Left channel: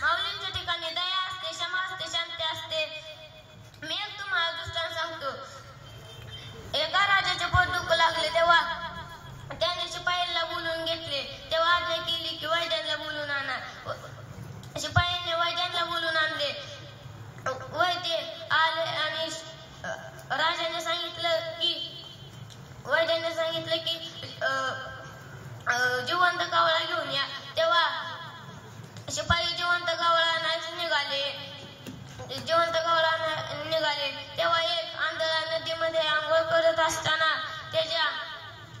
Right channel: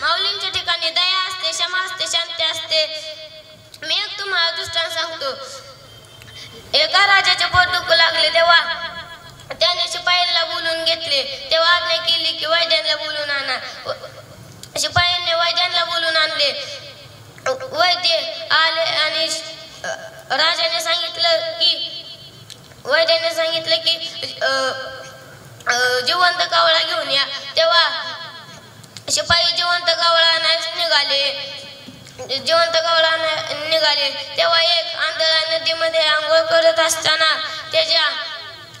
माऊलींच्या ठिकाणी दया असते, क्षमा असते, शांती असते. मी एक तुम्हाला दृष्टांत सांगतो. एका राजाचे पोट दुखू लागले तेव्हा त्याने शिपायांना बोलून घेतले. तेव्हा आज्ञा केली की वैद्यांना बोलून आणा. शिपायांनी वैद्यांना बोलून आणले. वैद्य आले आणि राजाने सांगितलं की जिवंत कावळा घेऊन या. तेव्हा शिपाई जिवंत कावळा निघाले. तेव्हा एक आंधळा नदीमध्ये आंघोळ करत असताना त्याच्या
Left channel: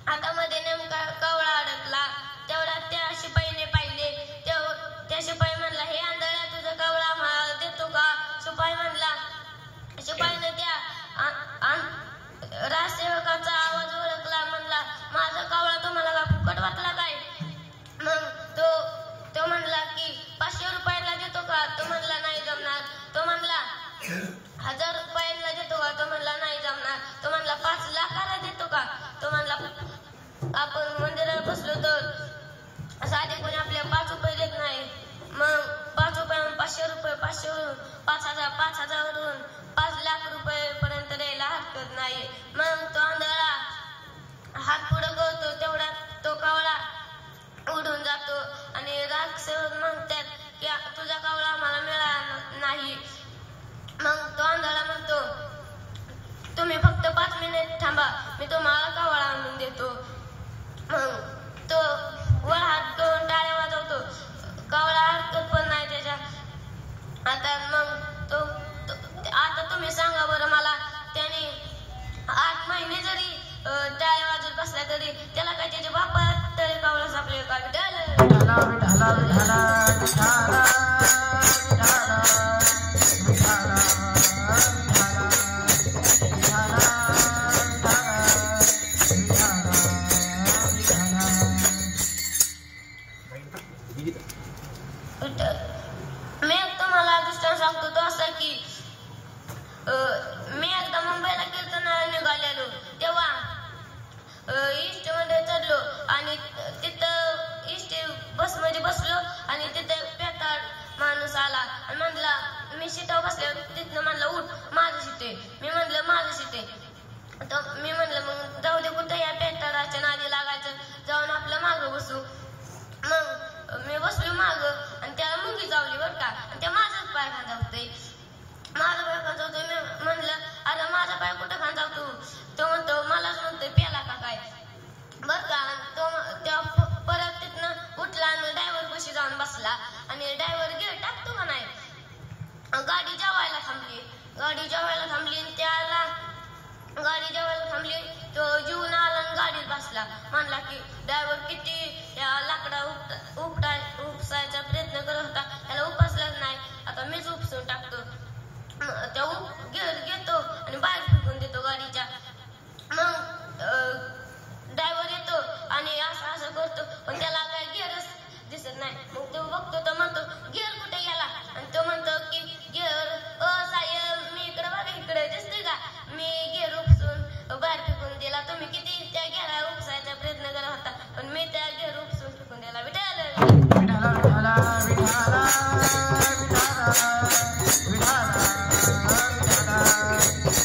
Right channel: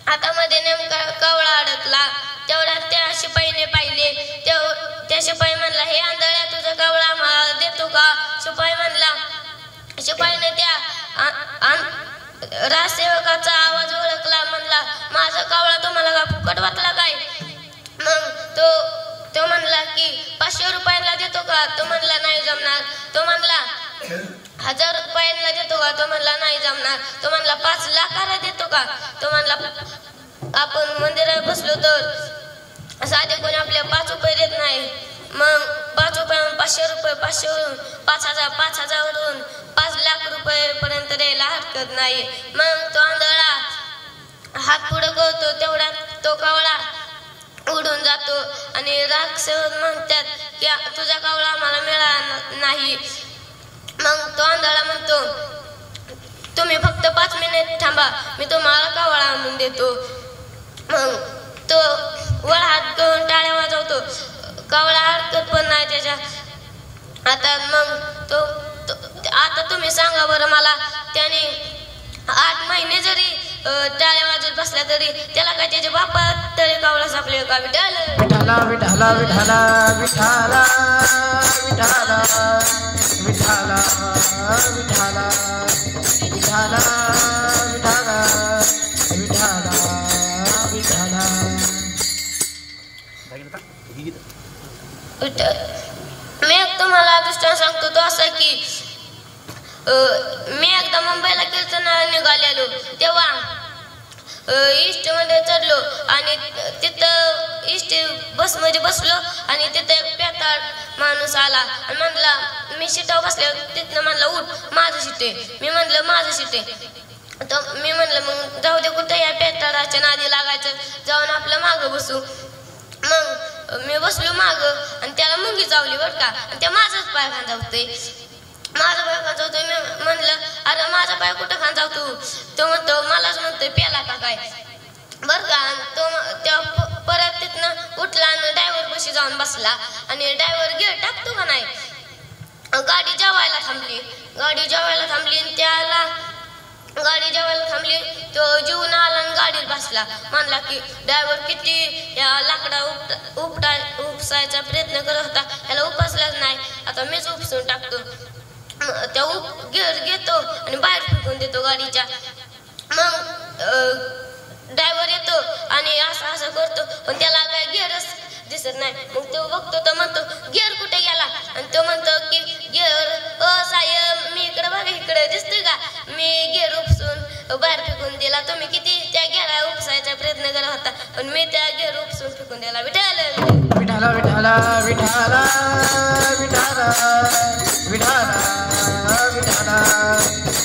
हातामध्ये नेमका कावळा अडकला. तेवढ्यात त्या शिपाईने पाहिले. त्या शिपाई म्हणला, हे आंधळ्या, तुझा कावळा आम्हाला देतो का? शिपाईने त्या राजसेवकाचा आवाज ओळखला. म्हणला, माझा कावळा तुम्हाला का फुकट वाटला काय? मग तो म्हणला की 500 रुपयांना देतो का? तो म्हणला, नाही जमणार. तो म्हणला 1000 रुपयांना देतो का? तो म्हणला, नाही जमणार. तो म्हणला 5 लाखाला देतो का? तो म्हणला, आपण मंदिरात बसलो तर साधे कोणी आपले 5 रुपये देत नाही. मग 5 रुपयाहून 500 रुपये, 500 वरून 5000, 5000 वरून 5 लाख रुपये पर्यंत द्यायला हरकत नाही. मग तो आंधळा हात पुढे करतो. तेवढ्यात तो कावळा उडून जातो आणि राजसेवक म्हणतात की तुझा कावळा आम्हाला मिळाला नाही. मग तो आंधळा म्हणतो, तुम्ही फक्त 5 मिनिट थांबा, मी तुम्हाला कावळा आणून देतो. मग तो वर हात घेऊन टाळ्या वाजवतो. कावळा हरकत पण नाही त्याच्या हातात. मग आता तुम्ही सांगा बरं मला, त्याने 8 महिने जरी टाळ्या वाजवत बसला तरी त्याला काय त्याच्या बापात तरी कावळा सापले का? विठाला विठाला विठाला विठाला विठाला विठाला विठाला विठाला मी एक तुम्हाला दृष्टांत सांगतो. तो असा की मी एकदा मुंबईला कीर्तनाला निघालेलो. तेव्हा इष्ट मध्ये चढलो आणि तिथं इष्ट बसमध्ये बसलो आणि तिथं एक पेताळ माणूस आला आणि म्हणला, मी सीटावर बसल्यावर तिथनं म्हणला, उठ, माझं सीट आहे. मी म्हणलं, माझं सीट आहे. तर मी म्हणलं, मग जाऊ दे, कुठे या पेताळाच्या नादी लागायचं, जाऊन आपलं मागं बसू. मग मी बसलो मागं आणि त्याला मुंगी चावली बरं का. आणि त्या माझाच पाय खांजावतोय. मी म्हणलं, अरे माझा पाय कुठं खांजावतो? तो म्हणतो, मलाच म्हणतोय प्याला का काय बरं का. तो परत तिथनं उठला आणि ड्रायव्हर पाशी जाऊन बसला आणि ड्रायव्हर गिअर टाकतो का नाही. गाडी जेवायला थांबली आणि त्याला गाडी जेवायला थांबली. तो जेवून आला आणि गाडीत बसला. म्हणला की ड्रायव्हर किती या लाकडा उपसायचा प्रयत्न करत होता, त्याला उपसलाच नाही, आता मीच उपसून टाकतो. त्या गिअर घेतो आणि बाहेर फेकून देतो गाडीच्या. मग ड्रायव्हर येतो आणि असं करतो, पण त्याला काय गिअरच दिसत नाही. मग तो बघतो, तर म्हणतो, गिअर कुठे गेला? आणि तो म्हणतो की गिअर साहेब, मी इकडे बघा, इकडे दिसतोय का? मी गिअर उपसून बाहेर फेकून दिला. तुम्ही किती त्या गिअर उपसायचा प्रयत्न करत होता, पण मी त्या गिअर उपसून फेकून दिला. विठाला विठाला विठाला विठाला विठाला विठाला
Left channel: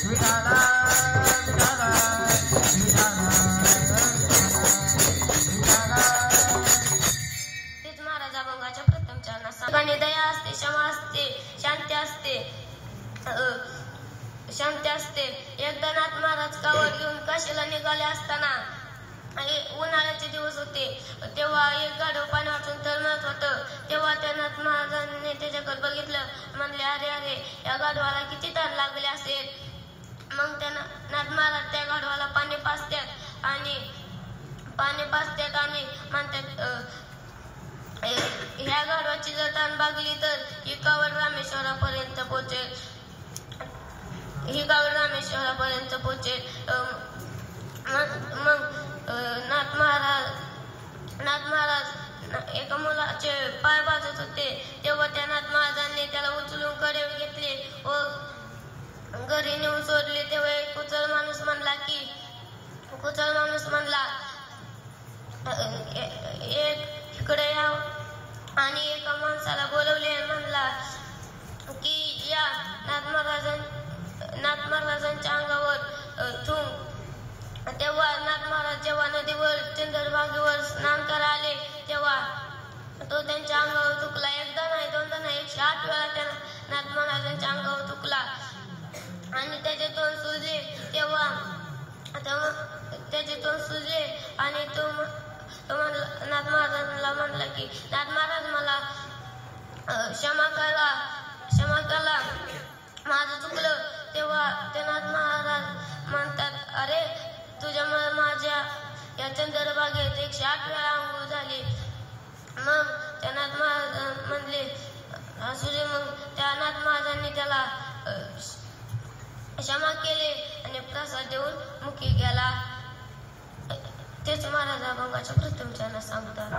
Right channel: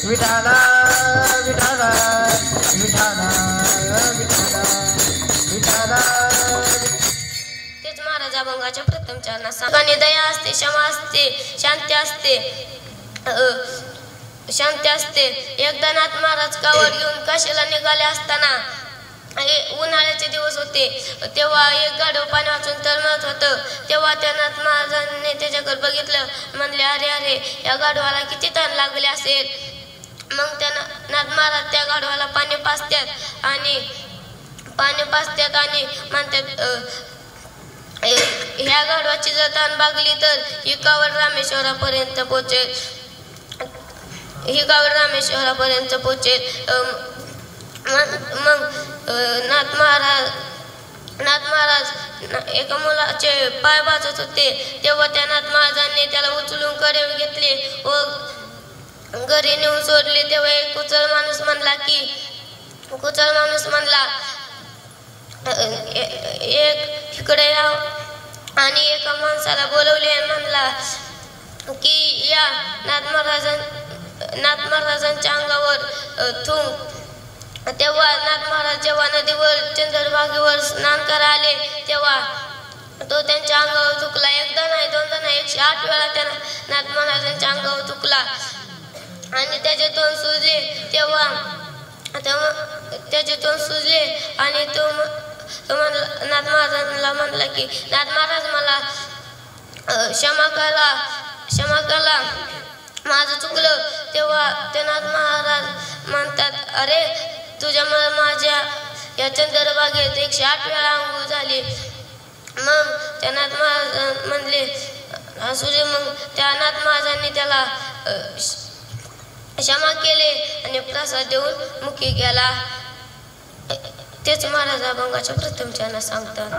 विठाला विठाला विठाला. तेच महाराज अभंगाच्या प्रथम चरणात सांगणे, दया असते, क्षमा असते, शांती असते. एकदा नाथ महाराज कावड घेऊन काशीला निघाले असताना उन्हाळ्याचे दिवस होते. तेव्हा एक गाढव पाणी वाचून तळमळत होतं. तेव्हा त्या नाथ महाराजांनी त्याच्याकडे बघितलं. म्हणले, अरे अरे, या गाढवाला किती तहान लागले असेल. मग त्या नाथ महाराज त्या गाढवाला पाणी पाजतात आणि म्हणतात, ह्या गाढवाची जर तहान भागली तर ही कावड रामेश्वरापर्यंत पोचेल. मग नाथ महाराज एका मुलाचे पाय भाजत होते तेव्हा त्या नाथ महाराजांनी त्याला उचलून कडे घेतले व घरी नेऊन सोडले. तेव्हा एक कुचल माणूस म्हणला एक इकडे या आणि एका माणसाला बोलवले आणि म्हणला की या नाथ महाराजांच्या अंगावर थुंक. तेव्हा नाथ महाराज जेव्हा नदीवर चंद्रभागेवर स्नान करायला आले तेव्हा तो त्यांच्या अंगावर थुकला. एकदा नाही दोनदा नाही 108 वेळा त्यानं नाथ महाराजांच्या अंगावर थुकला आणि त्याचे तोंड सुजले. तेव्हा त्याचे तोंड सुजले आणि तो नाथ महाराजांना म्हणला की नाथ महाराज मला क्षमा करा माझं चुकलं. तेव्हा ते नाथ महाराज म्हणतात अरे तुझ्यामुळे माझ्या या चंद्रभागेत 108 वेळा अंघोळ झाली. मग त्या नाथ महाराज म्हणले असू दे. मग त्या नाथ महाराजांनी त्याला क्षमा केले आणि प्रसाद देऊन मुखी गेला. तेच महाराज अभंगाच्या प्रथम चरणात सांगतात.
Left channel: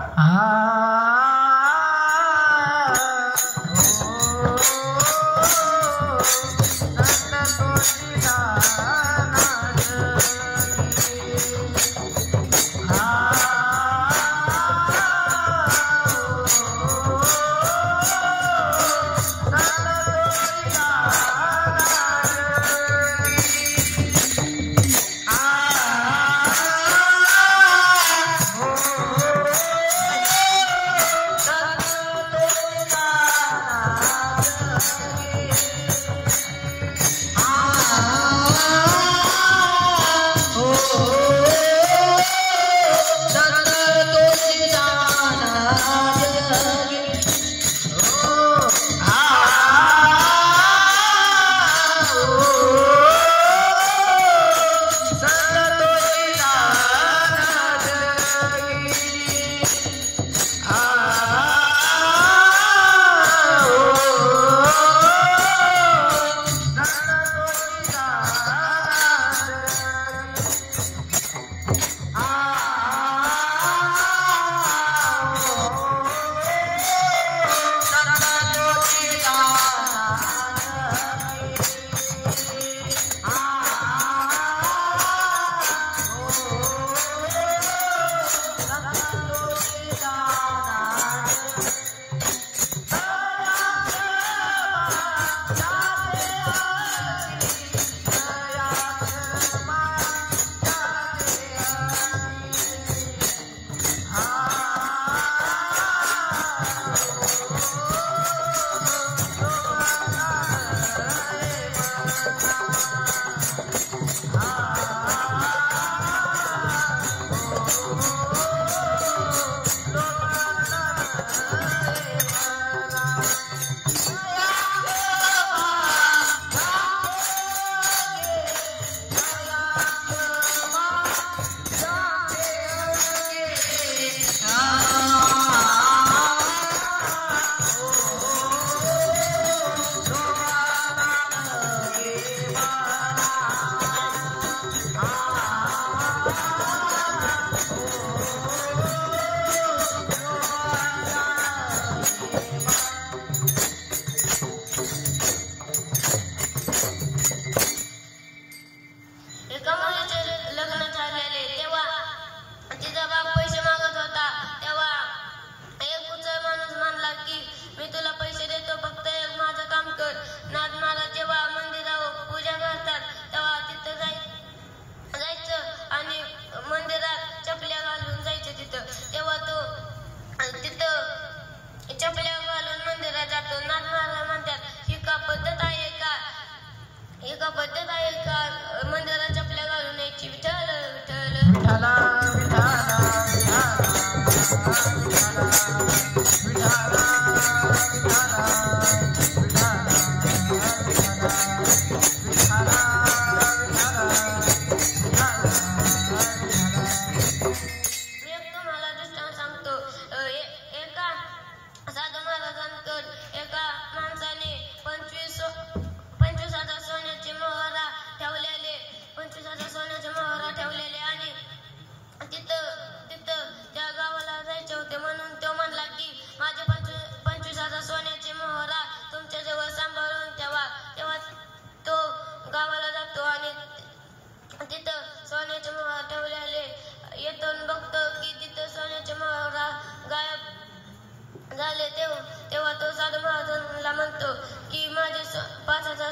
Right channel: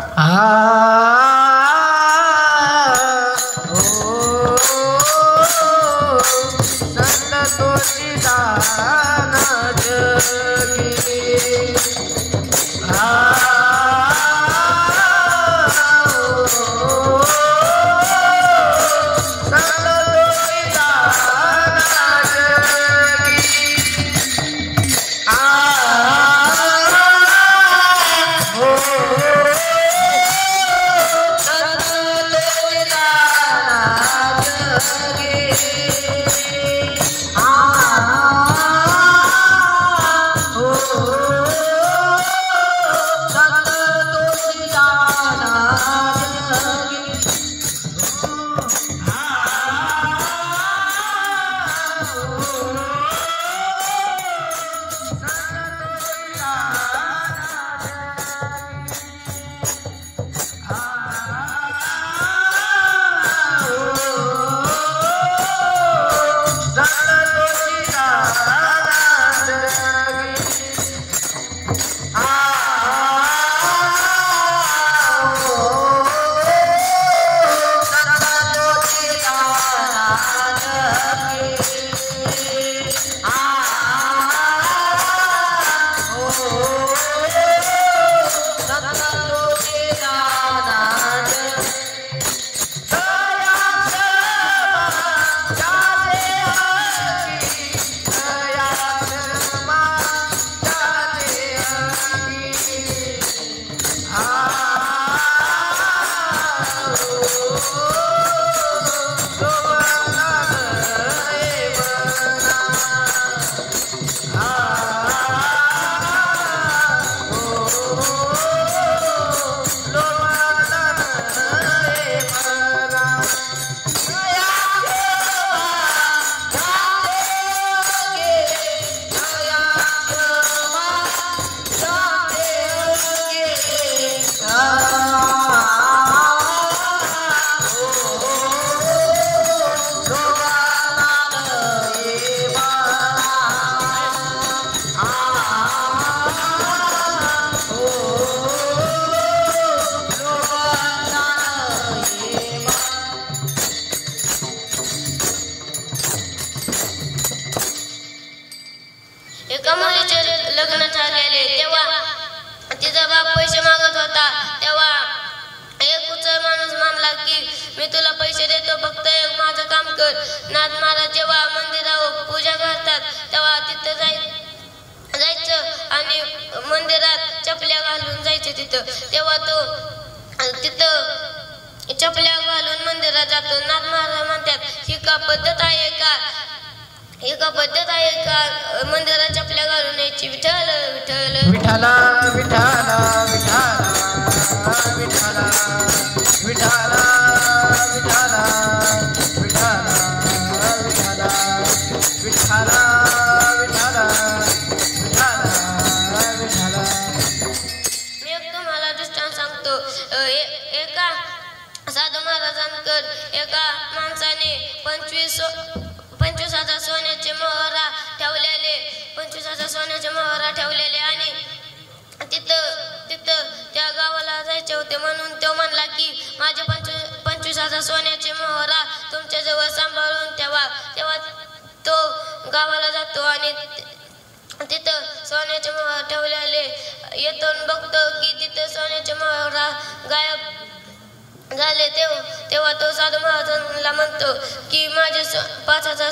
साधू महाराजांना म्हणतो की माझे 5,000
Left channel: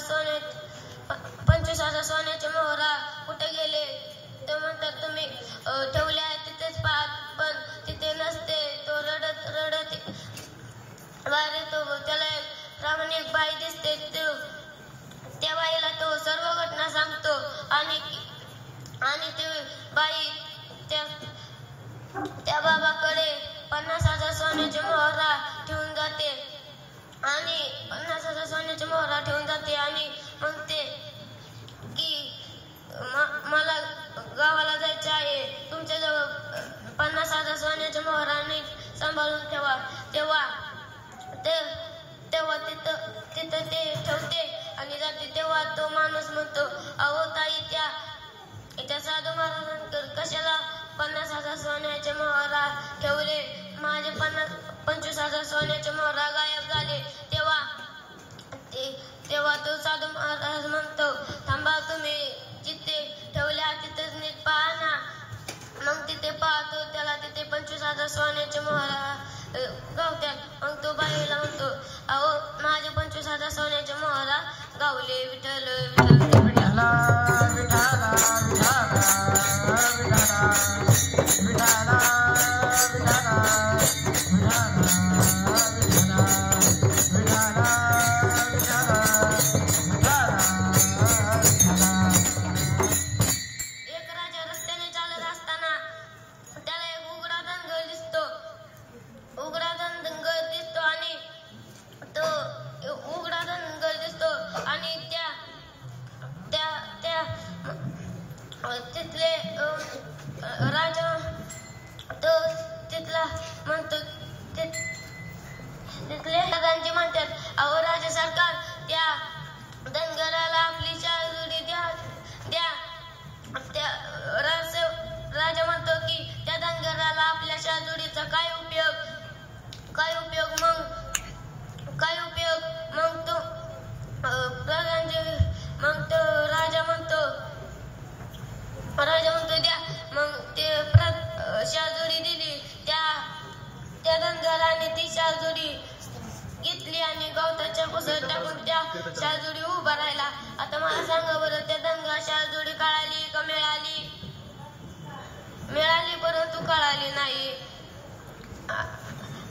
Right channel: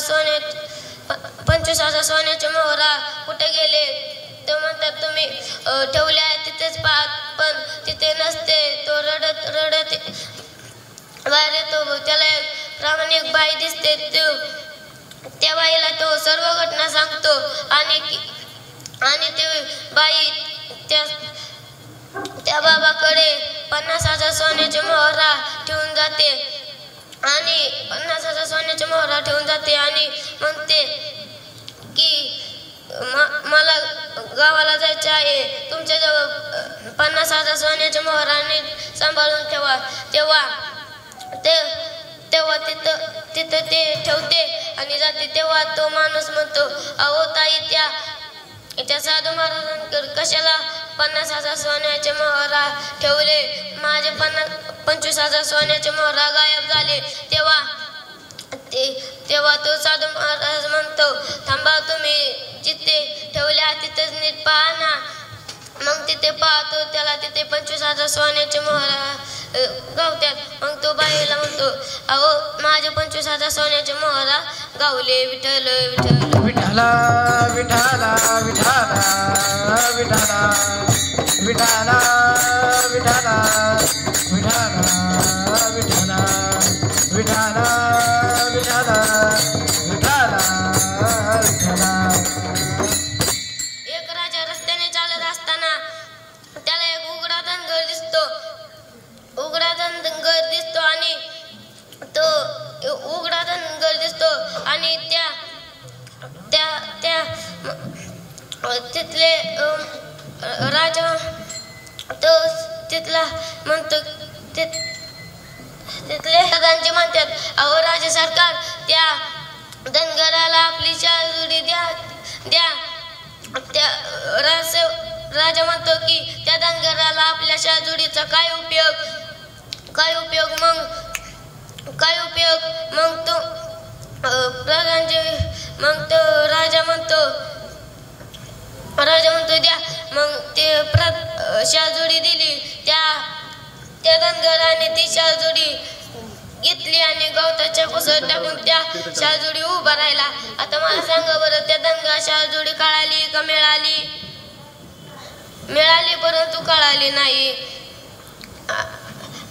25,000 सोन्याचे मोहरा कुठे गेले. ते म्हणतात तुम्ही ठेवले आहे तिथेच पाहत, पण तिथे नसते. तो रडत रडत बाहेर येतो. त्याला एक प्रामाणिक बाई दिसते. त्या बाईला तो सर्व घटना सांगतो आणि ते बाई त्या बाबाकडे 50,000 सोन्याचे मोहरा ठेवून जाते आणि 50,000 सोन्याचे मोहरा ठेवून जाते आणि म्हणते की मला गावाला जायचे आहे. तुमच्याजवळ 50,000 सोन्याचे मोहराने सांभाळून ठेवा. तेव्हा तिथं ते ठेवते आणि जाते. तेव्हा तो माणूस म्हणतो, अहो ताई, त्या साधू महाराजांकडे कशाला 50,000 सोन्याचे मोहरा ठेवले. माझे 25,000 सोन्याचे मोहरा गायब झाले. तेव्हा तो साधू महाराज म्हणतो, थांबा, तुम्ही जिथे ठेवल्या तिथेच नीट पहा ना. मग तिथे पाहतो, त्याला तिथे 25,000 सोन्याचे मोहरा गावतात. मग तो बाईला म्हणतो, अहो माझे 25,000 सोन्याचे मोहरा गावले. विठ्ठल विठ्ठल विठ्ठला विठ्ठला विठ्ठला विठ्ठला विठ्ठला विठ्ठला विठ्ठला विठ्ठला विठ्ठला एक राजा रस्त्याने चालत असताना त्याला एक उघडा धनगर दिसतो. आणि तो उघडा धनगर दिसतो आणि तिथले राजा तो तिथला म्हणतो, तिथले राजांचे म्हणतात, अहो राजा सरकार, त्या धनगराला आपली शाजुडी द्या. राजा म्हणतो की त्या धनगराला आपल्या शाजुडीचा काय उपयोग. मग तो राजा म्हणतो द्या. मग ते शाजुडी दिली. त्या धनगराने ती शाजुडी घेतली आणि गवताच्या पुसत टाकून त्या शाजुडी उभा राहिला. आता मला सांगा बरं, त्या धनगर शाजुडी कळाली का मिळाली, परंतु कळाली नाही.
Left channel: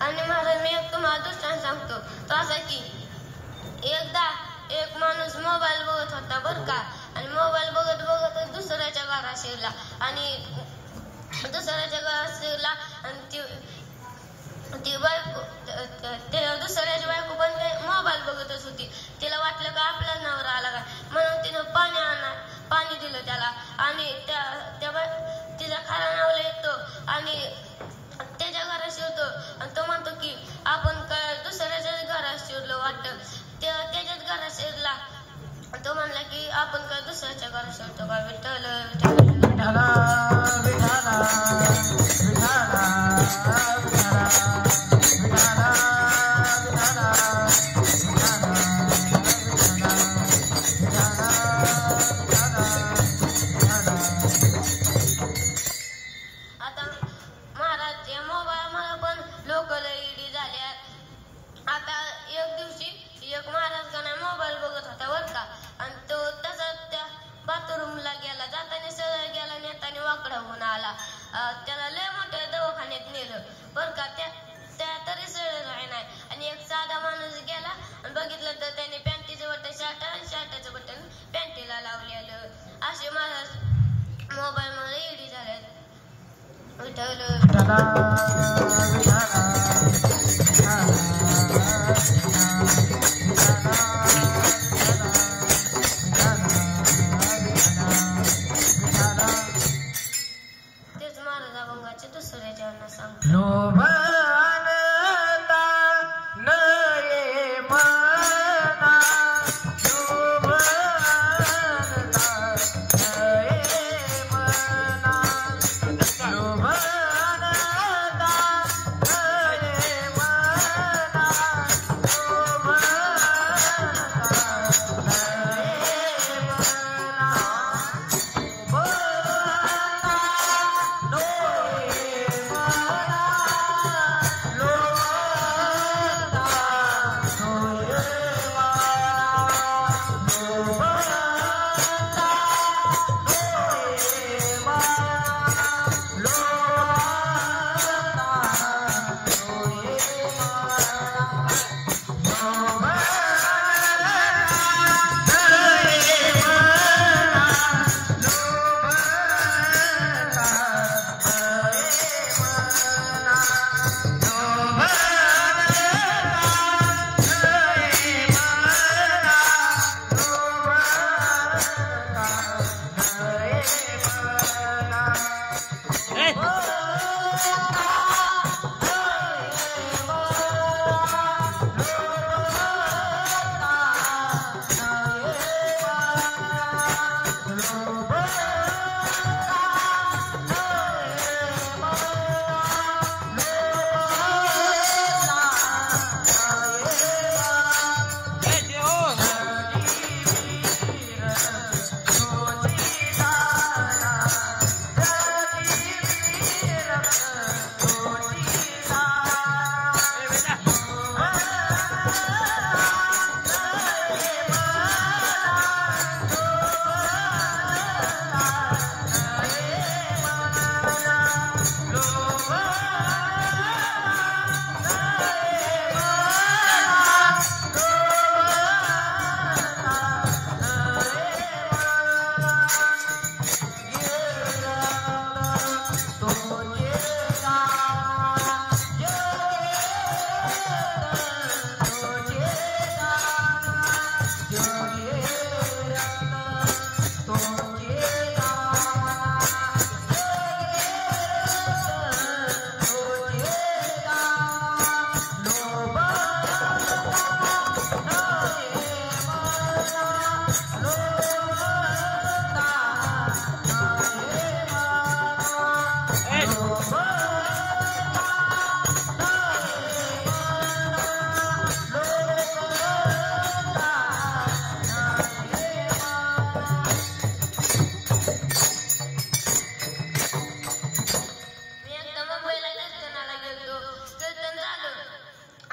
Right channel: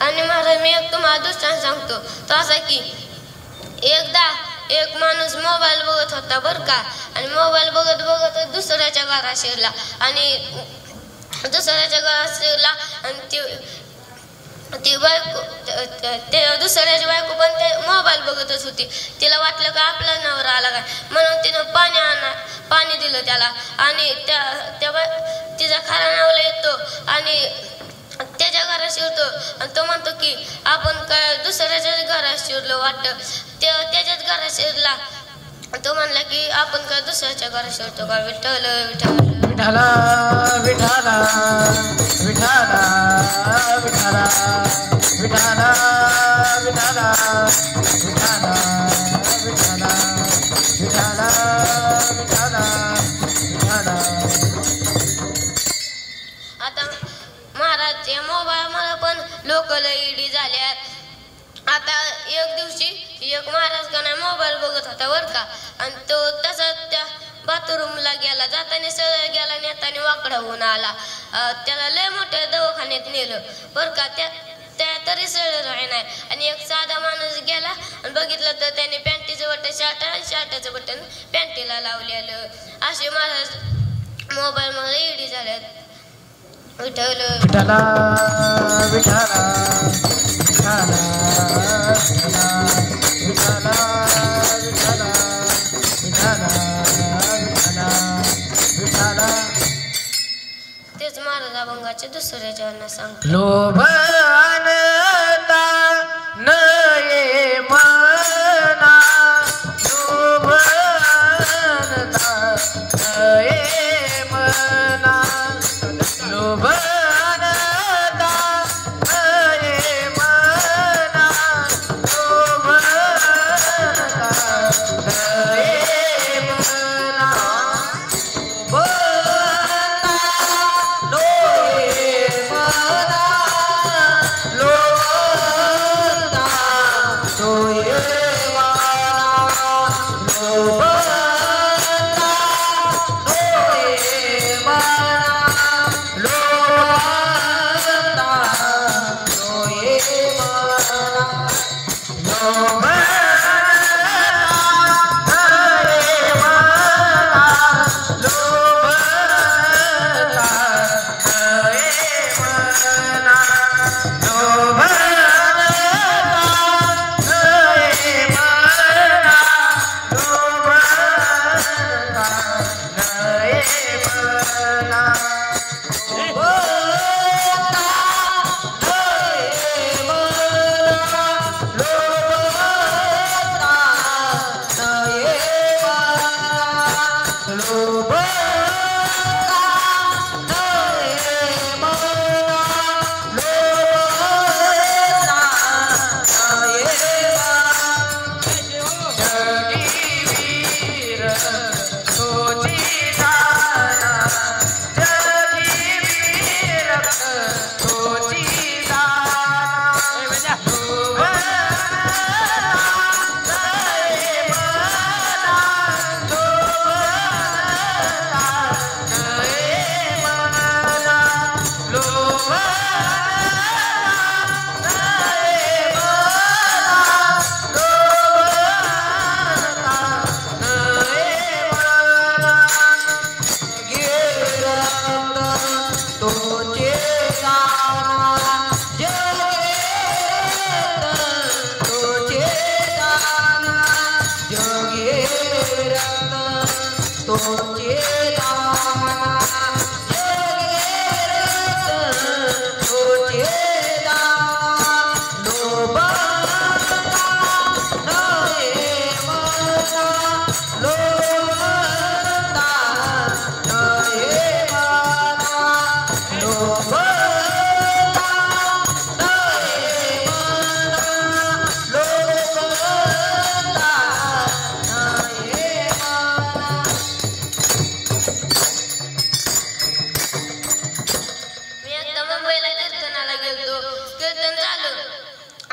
आणि महाराज, मी एक तुम्हाला दृष्टांत सांगतो. तो असा की एकदा एक माणूस मोबाईल बघत होता बरं का. आणि मोबाईल बघत बघत दुसऱ्याच्या घरात शिरला आणि ती बायको, दुसऱ्याची बायको पण ते मोबाईल बघतच होती. तिला वाटलं का आपला नवरा आला काय, म्हणून तिनं पाणी दिलं त्याला. आणि तिचा खरा नवरा येतो आणि त्याच्या घरात शिरतो आणि तो म्हणतो की आपण काय दुसऱ्याच्याच घरात शिरलो वाटतं. त्याच्याच घरात शिरला. तो म्हणला की आपण काय दुसऱ्याच्या घरात शिरतो का. विठ्ठल विठ्ठल विठ्ठला विठ्ठला विठ्ठला विठ्ठला विठ्ठला विठ्ठला आता महाराज, या मोबाईल मला पण लोक इडी झाल्यात. आता एक दिवशी एक महाराज का नाही मोबाईल बघत होता बरं का. आणि तो तसाच त्या बाथरूमला गेला. जाताना सरळ गेला, नेताना वाकडा होऊन आला. त्याला लय मोठ्या दवाखान्यात नेलं बरं का. त्या तरी सरळ नाही. आणि एक साधा माणूस गेला आणि बघितलं तर त्याने पॅन्टीचं बटन शर्टाचं बटन पॅन्टीला लावलेलं. असे महाराज मोबाईल मध्ये इडी झाल्यात. विठ्ठल विठ्ठला विठ्ठला तेच महाराज अभंगाचे दुसऱ्या जणांना सांग. लोभ आणता नये मना, लोभ आणता नये मना, लोभ आणता मी एकदा मुंबईला कीर्तनाला गेलतो. कीर्तन झालं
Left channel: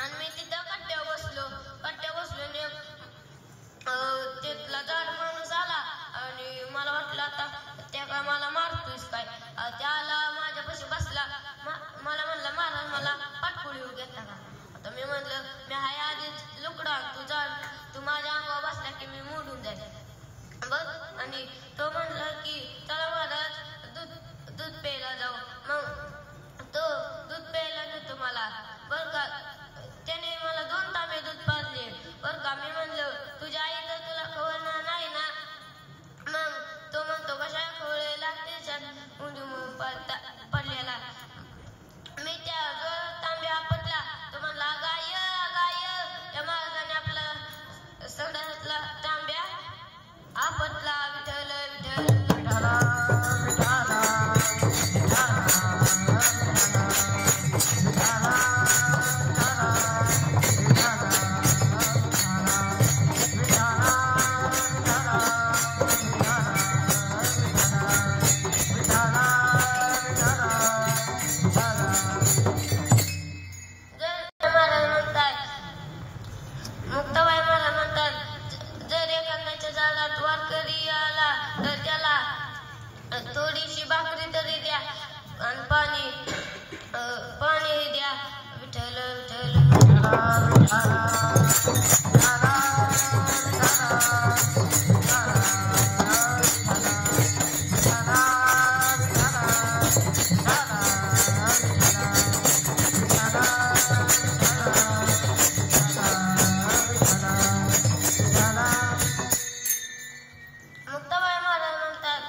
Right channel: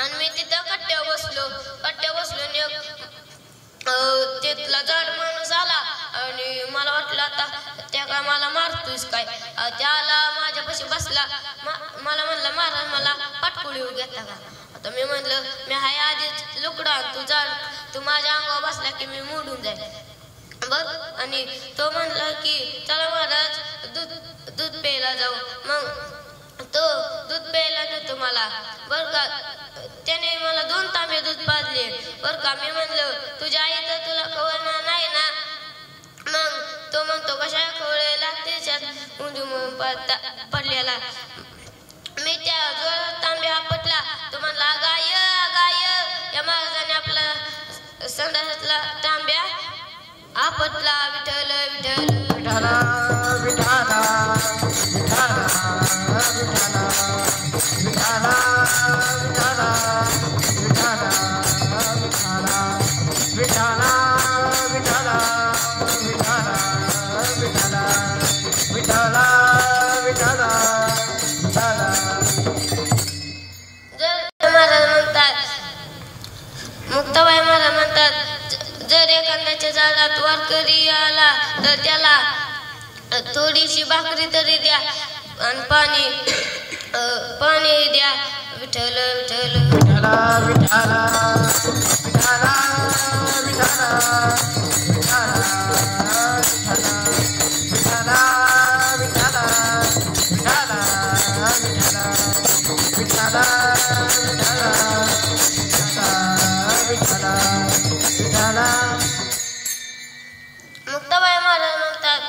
आणि मी तिथं कट्ट्यावर बसलो आणि तिथला जड माणूस आला आणि मला वाटलं आता त्या काय मला मारतोयस काय. त्याला माझ्यापाशी बसला. मला म्हणलं महाराज मला पाटकुळी घेता का. आता मी म्हणलं मी हाय आधीच लुकडा तू माझ्या अंगावर बसला की मी मोडून जाईल बघ. आणि तो म्हणला की चला महाराज दूध प्यायला जाऊ. मग तो दूध प्यायला नेतो मला बरं का. त्याने मला 2 तांबे दूध पाजले बरं का. मी म्हणलं तुझ्या आई तर तुला खवळणार नाही ना. मग तो म्हणतो कशा खवळे लागते उंजून पडलेला. मी त्या जोरात तांबे आपटला. तो म्हणला गाय या महाराजाने आपला संडासातला तांब्या आपटला. विठ्ठल विठ्ठल मुक्ताबाई महाराज म्हणतात जर एखाद्याच्या झाडात वारकरी आला तर त्याला थोडीशी भाकरी तरी द्या आणि पाणी द्या. विठ्ठल विठ्ठल मुक्ताबाई महाराज म्हणतात